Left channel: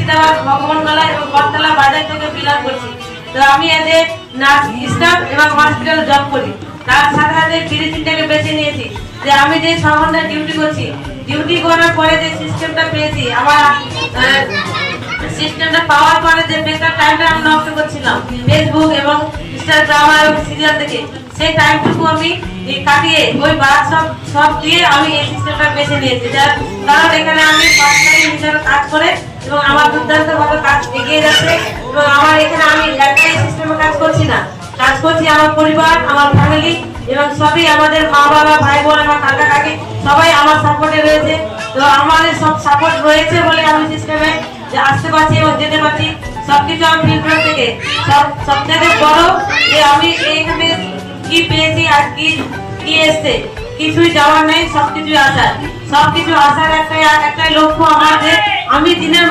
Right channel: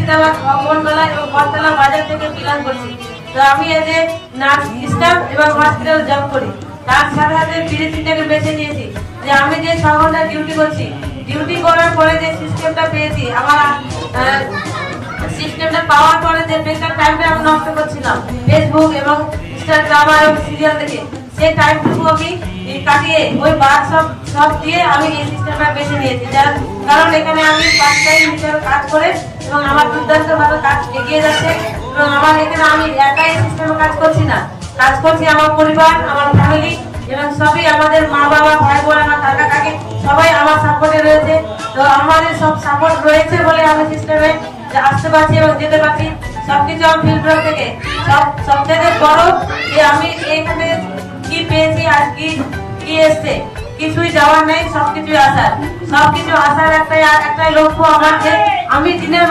মুর্শিদাবাদ ভগবানগোলা এবং বটতলা বাজার থেকে বিলং করছি। তো আমি এজ এ নার্স স্টাফ এবং হসপিটালে জব করি। তার সাথে সাথে বিদেশিটাকে বেছে নিয়েছি যে আমি যে 6 ঘন্টা ডিউটি করছি, ডিউটি করার পরে যে সিস্টেমটা পেয়েছি, আমার সিস্টেমটা পাওয়ার পরে যে বেকার টাইমটা আমি নষ্ট করছিলাম ফেসবুক এবং ইনস্টাগ্রাম এবং সিরিয়াল দেখে, সেই টাইমটুকু আমি কাটিয়ে ওই বাদ সব দিয়ে আমি এই সিস্টেমটা বেছে নিয়েছি। কারণ এখানে আমি পার্ট টাইম হিসেবে কাজ করে এবং আমার দুর্দান্তভাবে কাজ এগিয়ে যাচ্ছে এবং আমার এখানে আমি একাই সিস্টেমে কাজ করছি না, কাজ করছি আমার পরিবার, আমার ফ্যামিলি এবং সবই আমাদের মা বাবা, ভাই বোন, আমার কাকা কাকি সবাই আমার সাপোর্টে রয়েছে। তো আমাদের সব সাপোর্ট রয়েছে বলে আমি সিস্টেমে আসতে পারছি এবং যেতে পারছি। সবকিছু আমি ফিল্টার থেকে সবথেকে বড় যে আমি এইখানে কি পেয়েছি আর কি এসছে, কিছুই যাওয়ার নেই, সবকিছু আসার একটাই লক্ষ্য আমার যে আমি দিনের